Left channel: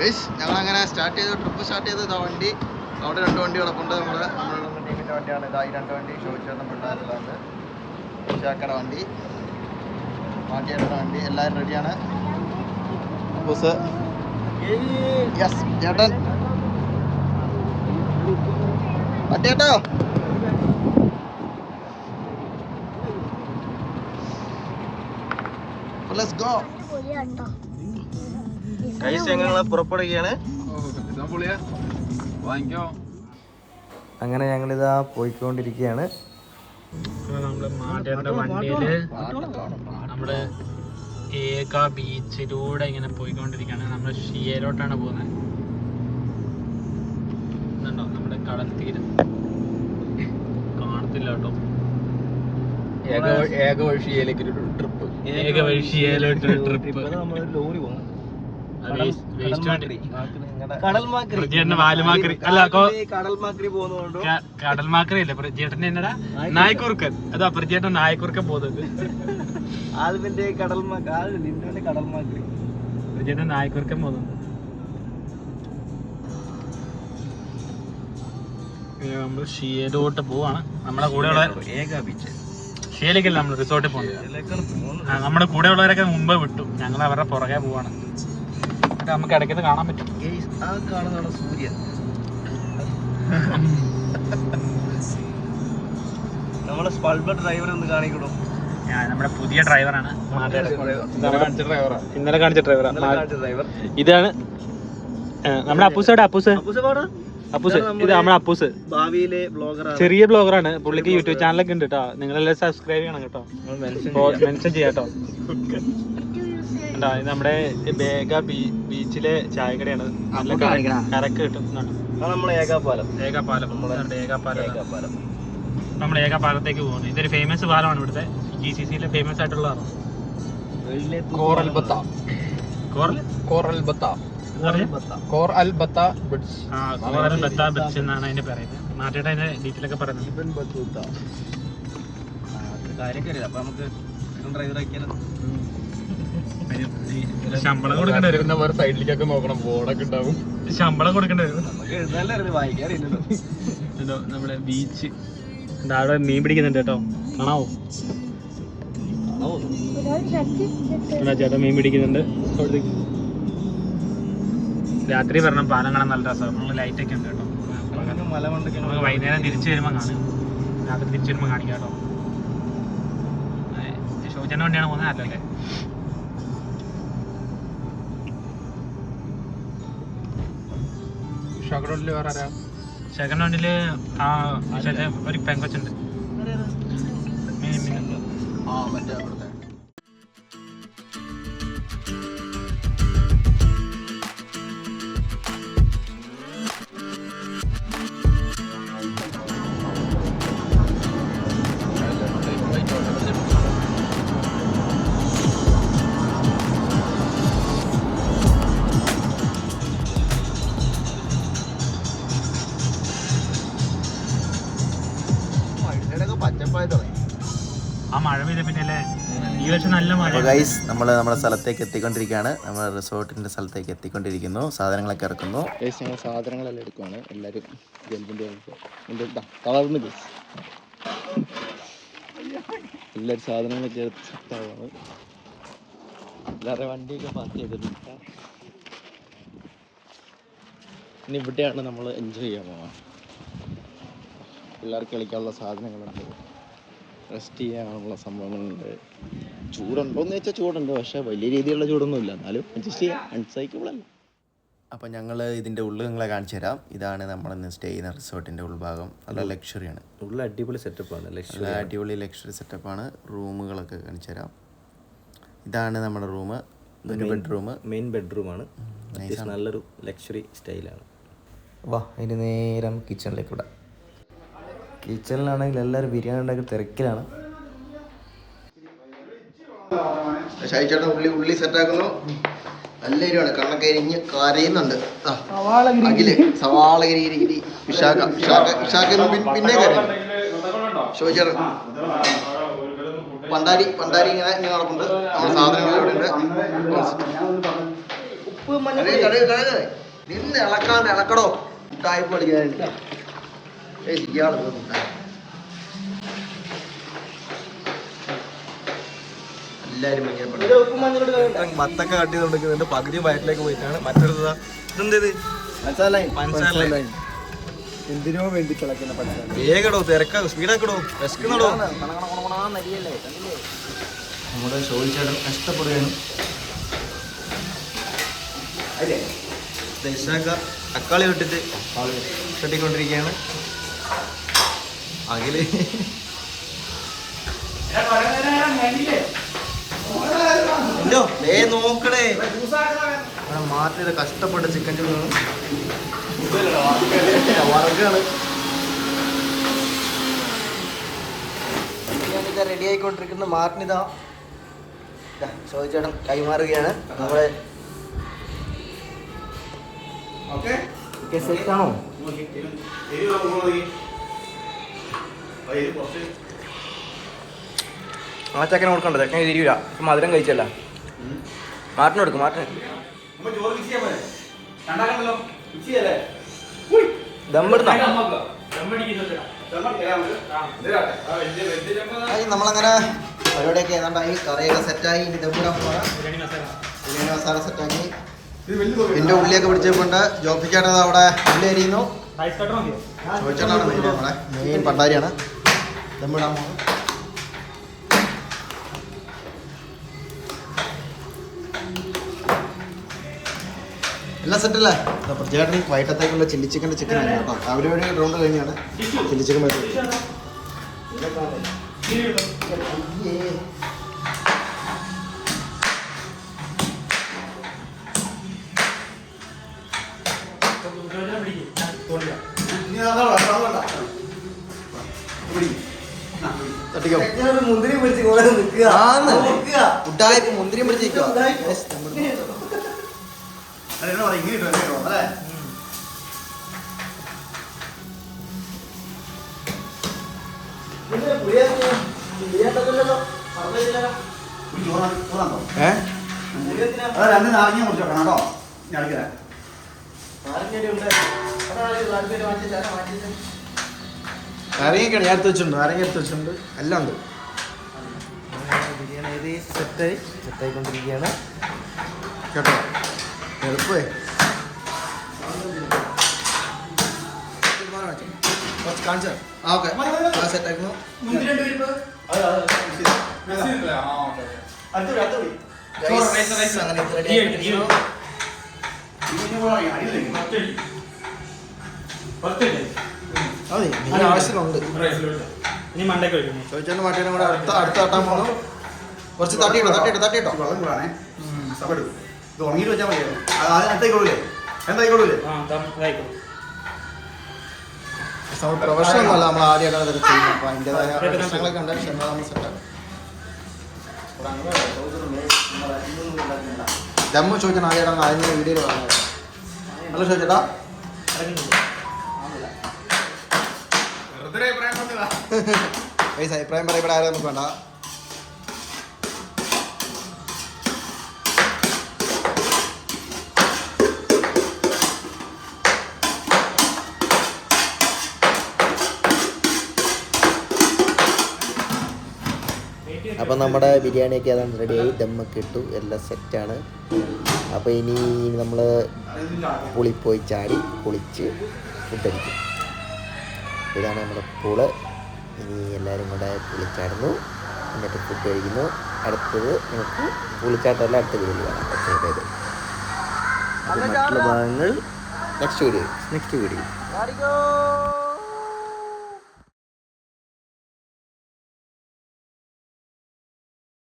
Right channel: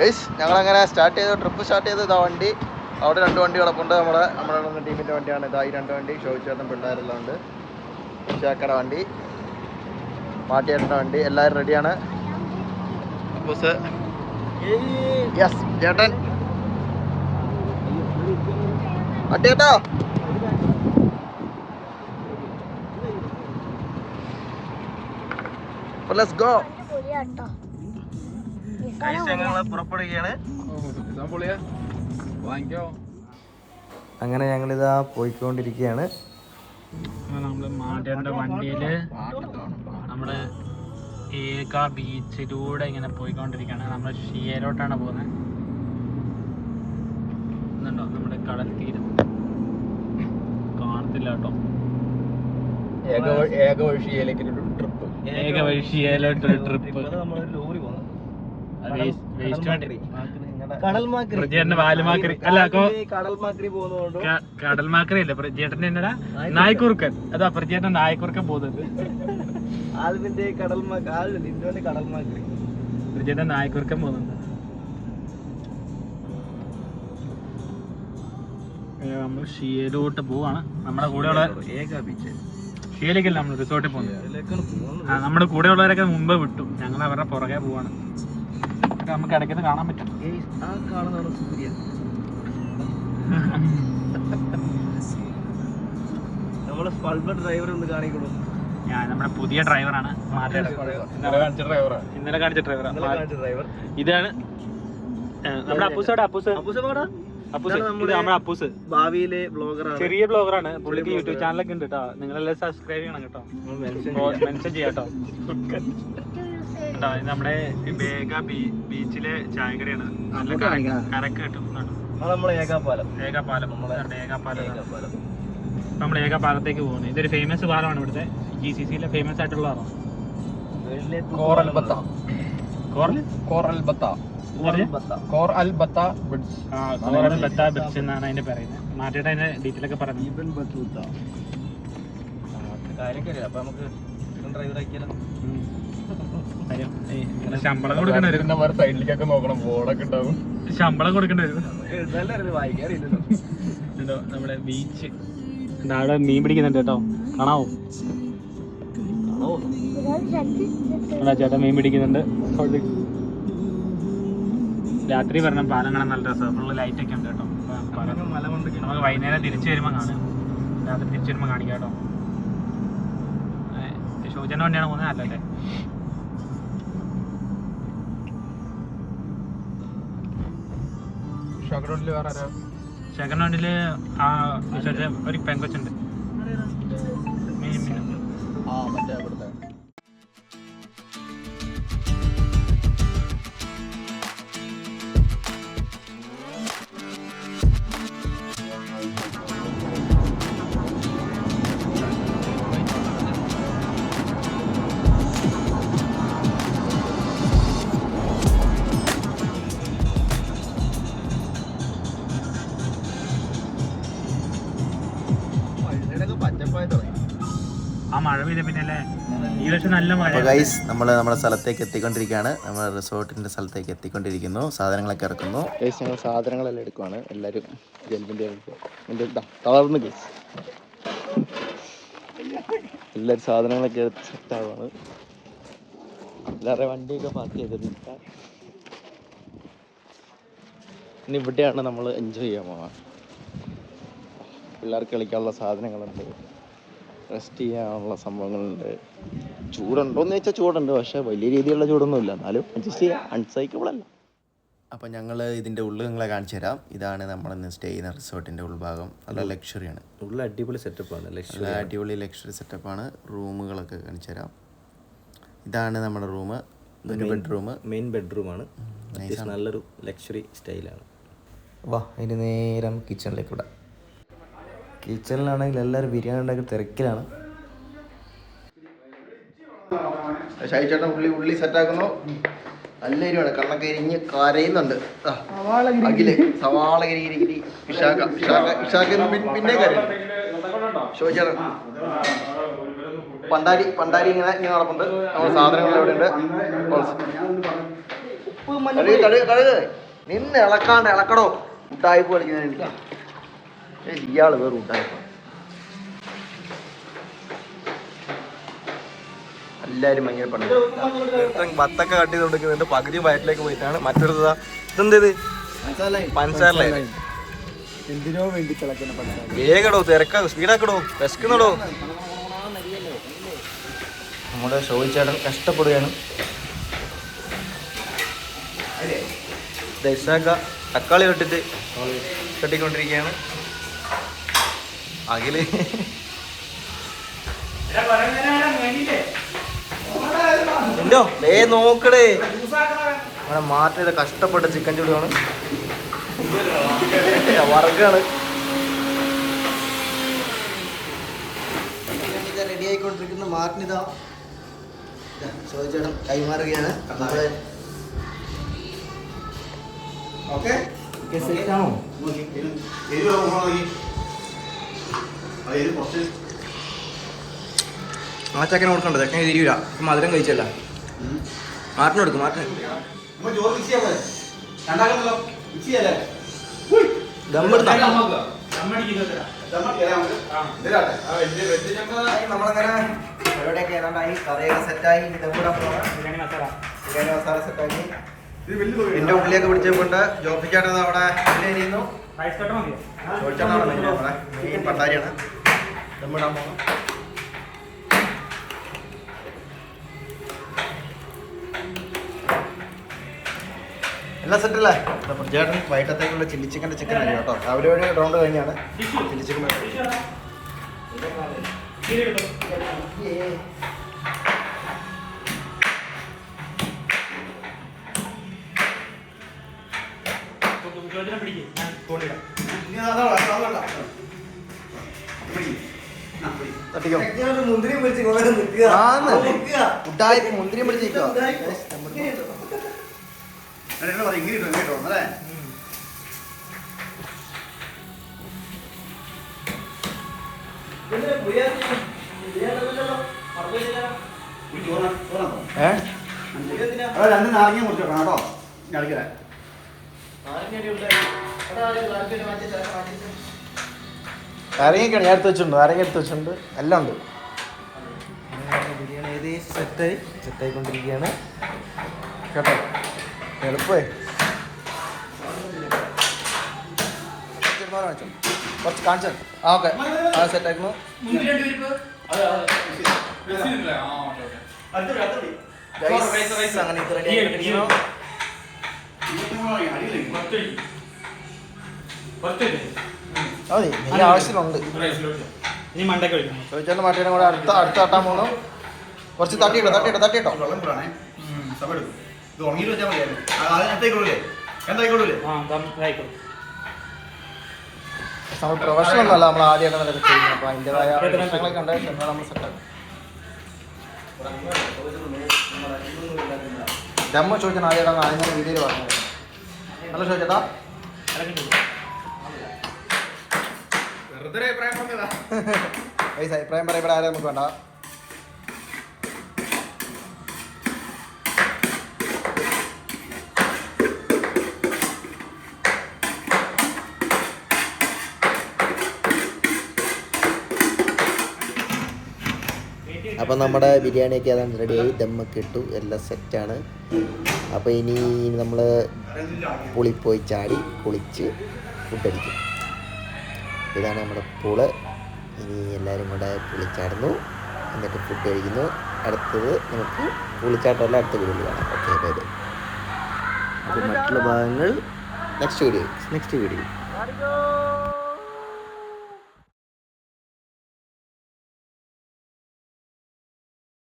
Guys ഞങ്ങൾ അങ്ങനെ start ചെയ്ത് ട്രിപ്പ് സ്റ്റാർട്ട് ചെയ്ത് ഇതാ വണ്ടി. അവിടെ രണ്ട് വണ്ടി കിടപ്പുണ്ട് നമ്മുടെ നമ്മുടെ ടീമിന്റെ വണ്ടിയാണ്. ഇതാ ഈ രണ്ട് വണ്ടി. ഷോ പിള്ളേരെല്ലാം ഉണ്ട്. ചേക്കട വണ്ടി. മാട്ടിയേട്ടന്റെ വണ്ടി. എല്ലാവരും റെഡിയാണ് ബസ് യെസ് ചേട്ടൻ. അട്ടേട്ടോ ലെറ്റ്സ് ഗോ കൈസ് ഞങ്ങൾ പുറപ്പെടുകയാണ്. അങ്ങനെ ഞങ്ങളിതാ പോയിക്കൊണ്ടിരിക്കുകയാണ്. നമ്മൾ മാറ്റേണ്ട വണ്ടിയിൽ നമ്മൾ ഏക ബീച്ചിലൂടെ ഇങ്ങനെ പോയിക്കൊണ്ടിരിക്കുകയാണ്. നമ്മൾ ഷിയയിലോട്ടാണ് പോകുന്നത്. നമ്മുടെ കടൽ തീരം. കാണത്തില്ല കേട്ടോ. ഏക വഴിയിലേക്ക് ഒരു ട്രിപ്പ്. ഏക വഴി ഷിയയിലോട്ടൊരു ട്രിപ്പ്. വേസ്റ്റ് അല്ല കടൽമാക്രി കടൽമാക്കറി ഇല്ല എന്നടാ? നായ്ക്കുറുക്കൻ. അതാ പ്രജേട്ടൻ നായ്ക്കുറുക്കൻ പോകുന്നത്. ആൽവിന്റെ കടൽമാക്രി ആൽവിന്റെ ഇന്ത്യന്റെ കടൽമാക്രി പ്രജേട്ടൻ നായ്ക്കുറുക്കൻ പോകുന്നത്. നമ്മൾ ഷിയയിലോട്ട് പോവാണ്. നമ്മുടെ കൂടെയുള്ള ഷിയയിലേക്കല്ല നമ്മൾ റിസോർട്ടിൽ പോകുന്നത്? ആ, നമ്മുടെ കൂടെയുള്ളവരൊക്കെ മുമ്പ് വിട്ടു. ഞങ്ങൾ അവരുടെ പുറകെ പോവാണ്. എന്നിട്ട് നമുക്ക് ഇടയ്ക്ക് കാണാൻ പറ്റും. ആ കാണുന്നതാണ് സൂര്യൻ നമ്മൾ സ്പൾബർ ഡ്രൈവർ ഒന്ന് കാണിക്കണു ഞാൻ നമ്മുടെ പുതിയ ഡ്രൈവറാണ് ഇന്നലെ കാണിച്ച ഡ്രൈവറാണ് ഡ്രൈവർ ഇതാണ് നമ്മുടെ അപ്പൂസ് എവിടെ? അപ്പൂസ്. അപ്പൂസ് ഇതാണ് നമ്മുടെ- ഇത് നമ്മുടെ ഭാവിയിലെ ബ്ലോഗറാണ് ചെറിയ ബ്ലോഗറാണ് പുള്ളിക്ക് യൂട്യൂബ് ചാനലൊക്കെ ഉണ്ട് കേട്ടോ നിങ്ങളെല്ലാം സബ്സ്ക്രൈബ് ചെയ്യണം കേട്ടോ. മെൻഷൻ ചെയ്യാട്ടോ ഇതാ, ഇത് നമ്മുടെ ബേഗ ബീച്ചിലെ ചായക്കടയാണ്. നല്ല. കരക്ക് കിട്ടും ഏകാപാലം നമ്മൾ ഏകാപാലത്തേക്ക് പോകുന്നു. ഇതൊരു ഫേമസ് പാലമാണ് ഇവിടുത്തെ ജി സി സിയിലെ ഫേമസ് ആയിട്ടുള്ളതാണോ coral ബത്ത coral? Coral ബത്ത Al Batha bridge കോറൽ ബത്ത ബെച്ച് എന്നാണ് അതിന്റെ പറയുന്നത് മാറ്റിയിട്ട് അതിന്റെ ഡീറ്റെയിൽ ഒക്കെ പറയുന്നത്. ഇവൻ ബത്തൂത്ത കാര്യക്കറിയാം അപ്പൊ നമുക്ക് ഡ്രൈവർ ഈ ശമ്പളം കൊടുക്കേണ്ടി വരും. സൈഡിലേക്കൊക്കെ നോക്കണം ബോർഡൊക്കെ ഉണ്ടാവും. ശമ്പളം കൊടുക്കേണ്ടി വരും. നമ്മുടെ ബീച്ച്. അവിടെ മീൻ പിടിക്കുന്നുണ്ട് കേട്ടോ. കാണാവോ? ഇവിടെ ചേട്ടൻ മീൻ പിടിക്കുന്നുണ്ട്. രാത്രി വരണം പാലം കാണാൻ നല്ല രസമാണ്. നമ്മൾ ലൈറ്റ് ഒക്കെ ഉണ്ട് കേട്ടോ. നമുക്ക് വൈകുന്നേരം തിരിച്ചു വരുമ്പോൾ കാണാം. രാത്രി തിരിച്ചു വരുമ്പോൾ കാണിക്കാം കേട്ടോ. ഷോജന വണ്ടിയാണ് പോകുന്നത് അല്ലല്ലേ? ഷകടോട്ടിൽ വേറെ ആരാ? സെക്കൻഡ് ആ ഒരു പെങ്കൊച്ചുണ്ട്. അപ്പോൾ ഗൈസ് നമ്മൾ നമ്മുടെ സ്ഥലത്തേക്ക് എത്തിക്കൊണ്ടിരിക്കുകയാണ്. നമ്മുടെ റിസോർട്ടിന്റെ സ്ഥലത്തേക്ക് എത്തിക്കൊണ്ടിരിക്കുന്നു. സാധനങ്ങളൊക്കെ ഇറക്കുന്നു. ഗൈസ് ഞങ്ങൾ സാധനങ്ങളെല്ലാം എടുക്കുവാണ്. എല്ലാവരും തളർന്ന് ഗൈസ് എല്ലാവരും സാധനങ്ങളൊക്കെ എടുത്ത് സെറ്റാവാണ് എല്ലാവരുടെ വണ്ടിയൊക്കെ പാർക്ക് ചെയ്തിട്ടുണ്ട്. ഇനി ഇവിടെയാണ് നമ്മൾ എൻജോയ് ചെയ്യാൻ പോകുന്നത് പിള്ളേർക്ക് കളിക്കാനുള്ള സാധനങ്ങളുണ്ട്. റെസ്റ്റ് ചെയ്യാനുള്ള സംഭവങ്ങളുണ്ട്. ചൂടുണ്ടോയെന്ന് ചോദിച്ചാൽ ചൂടുണ്ട് പക്ഷേ വലിയ രീതിയിലുള്ള ചൂടൊന്നുമില്ല. എന്നാലും അഡ്ജസ്റ്റ് ചെയ്യാം. അൺസൈക്കബിൾ അല്ല. അപ്പോൾ ഞങ്ങൾ ഇതിന്റെ ഉള്ളിൽ നിങ്ങളെ കാണിച്ചു തരാം. ഇതാണ് നമ്മൾ ഇന്ന് സ്റ്റേ ചെയ്യുന്ന റിസോർട്ടിന്റെ ഉൾഭാഗം. നല്ല ലക്ഷറിയാണ് ഉള്ള അടിപൊളി സെറ്റപ്പാണ് ലക്ഷറി നല്ല അടിപൊളി ലക്ഷറി സെറ്റപ്പാണ് റൂമുകളൊക്കെ കാണിച്ചു തരാം. ഇതാണ് നമ്മുടെ റൂം ഒരു ബെഡ്റൂം മെയിൻ ബെഡ്റൂമാണ് അത്യാവശ്യം നല്ലൊരു ലക്ഷറി സ്റ്റൈലാണ് വാ അതിന് നേരം കിച്ചണിലേക്ക് വിടാം. കിച്ചണിലാണെങ്കിൽ എല്ലാവരും ബിരിയാണി ഉണ്ടാക്കി തിരക്കിലാണ്. ഷൈച്ചേട്ടൻ ഉള്ളി ഉള്ളി സെറ്റാക്കുന്നു നല്ല എരിവാണ്. കണ്ണൊക്കെ എരിഞ്ഞ് കരയുന്നുണ്ട്. അഖിൽ സവാള ഗിരി ഗിരി ഗിരി വിശാഖ വിശാഖ വിശാഖ പിന്നെ കരയുന്നു. ഷോയിച്ചേട്ടൻ പണ്ടാരി പണ്ടാരി ഇങ്ങനെ ഇങ്ങനെ നടപ്പുണ്ട്. നമ്മുടെ സാധനങ്ങൾ ഇവിടെ ഉണ്ട്. നിന്ന് ഇളക്കാണ്ട് ഇളക്കടോ. മുട്ടായ്പ കളിക്കുന്ന ഇയാൾ വേറെ എല്ലാരും ഭയങ്കര പണ്ട് ബത്തൊക്കെ കട്ട് ചെയ്ത് കൊടുക്കുന്നുണ്ട്. പകുതി വയറ്റിലേക്ക് പോയിട്ടാണ്. മറ്റൊരു ഇതെന്തേത് പഞ്ചസാര എന്തിനോ വേണ്ടി തിളക്കുന്ന വേഗടോ തിരക്കാ. സ്പീഡാക്കടോ. വിശക്കുന്നടോ. നമ്മുടെ ചോദിച്ചേട്ടൻ കഷ്ടപ്പെടുകയാണ്. ദശാക്ക തക്കാളി തൊട്ടിട്ട് കെട്ടിക്കൊണ്ടിരിക്കുകയാണ് അഖിൽ എന്തോ? വേ നോക്കടേ. അവിടെ മാറ്റിയത് കഷ്ടപ്പെട്ട ചിക്കൻ ചൂടാണ് വർഗാണ് റെഡി ആയിക്കൊണ്ടിരിക്കുന്ന മാറ്റിനിതാ ചോദിച്ചേട്ടൻ കൈമാറുകയാണ്. നമ്മുടെ സെറ്റാണോ ആ ചക്കനെ കൊടുക്കണ്ട ചെക്കനെ തിരിയൂല അപ്പൊ മധുരം കഴിച്ചല്ല. മാർട്ടിന് കൊടുക്കും മാർട്ടിന്. ദമ്മിടുന്ന? നമ്മളങ്ങനെ പരിപാടിയൊക്കെ ഏതാണ്ടായി കറിയൊക്കെ സെറ്റായി. ദമ്മിടാൻ പോകണം ബിരിയാണി മസാല. സെറ്റാക്കി. പിന്നെ ഉള്ളിയൊക്കെ പിടിച്ചുകൊണ്ട് ജോബിക്കാണ് അവിടെ ഉള്ളി അരിയുന്നു ചോദിച്ചാണ് മെയിൻ നമ്മളെ മെയിൻ പണ്ടാരിയാണ്. ദമ്മിടാൻ പോകണം എല്ലാം സെറ്റല്ലേ അപ്പോൾ ചേട്ടൻ വൈകിട്ടത്തേക്കുള്ള ചില്ലി ചിക്കന്റെ ചിക്കൻ ആണ് കേട്ടോ. അവർ ഒരു റൗണ്ട് കഴിഞ്ഞാണ്. ചില്ലി ചിക്കൻ വെച്ചത് തട്ടിക്കോ പിടിച്ച് നിൽക്കുക. ആന്ന്. ഉഡായിപ്പ് മുന്തിരിയും പിടിച്ചിരിക്കുക ഏ? രണ്ട് നാരങ്ങ മുറിച്ചോക്കണം കേട്ടോ ഞടക്കില്ല നാരങ്ങയൊക്കെയാണ് ഞാൻ എടുത്ത് വെച്ചിട്ടുണ്ട്. നാരങ്ങ എടുത്ത് വെച്ചിട്ടുണ്ട്. എല്ലാം ഉണ്ട്. ബിരിയാണി ഏകദേശം സെറ്റായി സെറ്റായിക്കൊണ്ടിരിക്കുകയാണ്. കേട്ടോ. എളുപ്പമേ. കുറച്ച് കാണിച്ചു? ആ ഓക്കെ. ആ സെറ്റാക്കുന്നു. Guys, അങ്ങനെ മതി. നീ ആവശ്യത്തിലുണ്ട് ചോദിച്ചാലും മാട്ടിയുടെ കൂടെ അടുത്ത അടുത്ത തട്ടാൻ പോകുന്നു കുറച്ച് തട്ടിയിട്ടോ തട്ടിയിട്ടോ തട്ടിയിട്ടോ. വെള്ളം കൂടാണേ സബട് ഇത് വെച്ചാൽ മതിയായിരുന്നു. നമ്മൾ പ്രൊഫഷണൽ അല്ല നമ്മൾ ആദ്യമായിട്ടാണ് ഇതൊക്കെ ചെയ്യുന്നത്. അപ്പോൾ അതിന്റെതായ പ്രശ്നങ്ങളൊക്കെ ഉണ്ട് പക്ഷെ നമ്മൾ സെറ്റാക്കും ദമ്മ ചോദിച്ചാൽ ആദ്യമായിട്ടാണ് ആദ്യം വീഡിയോയിൽ പറഞ്ഞത് നല്ല ചോദിച്ചേട്ടാ. അഭിപ്രായം പറയപ്പെടാൻ ആരും നമുക്ക് വേണ്ട. അപ്പം നമ്മുടെ ബിരിയാണിയൊക്കെ അതാണ് റെഡിയായി ദമ്മൊക്കെ ഇട്ടു. എല്ലാം സെറ്റാണ് അപ്പോൾ ഇനി നമ്മൾ പുളിപ്പോയി പോയി ചാടി കുളിച്ച് ഫുഡ് അടിക്കും. ഇതാണ് നമ്മുടെ പൂൾ. ഇനി എല്ലാവരും കൂടെ പുളിച്ചാടുന്നു. എന്നിട്ട് ഫുഡ് കഴിക്കുന്നു. അടുത്തത് നമുക്ക് പുളിച്ചാട്ടമല്ല അടുത്ത വീഡിയോയിൽ കാണാം. ഓക്കെ ബൈ ബൈ അപ്പോൾ മറ്റുള്ള ഭാഗങ്ങൾ നെക്സ്റ്റ് വീഡിയോ നെക്സ്റ്റ് വീഡിയോ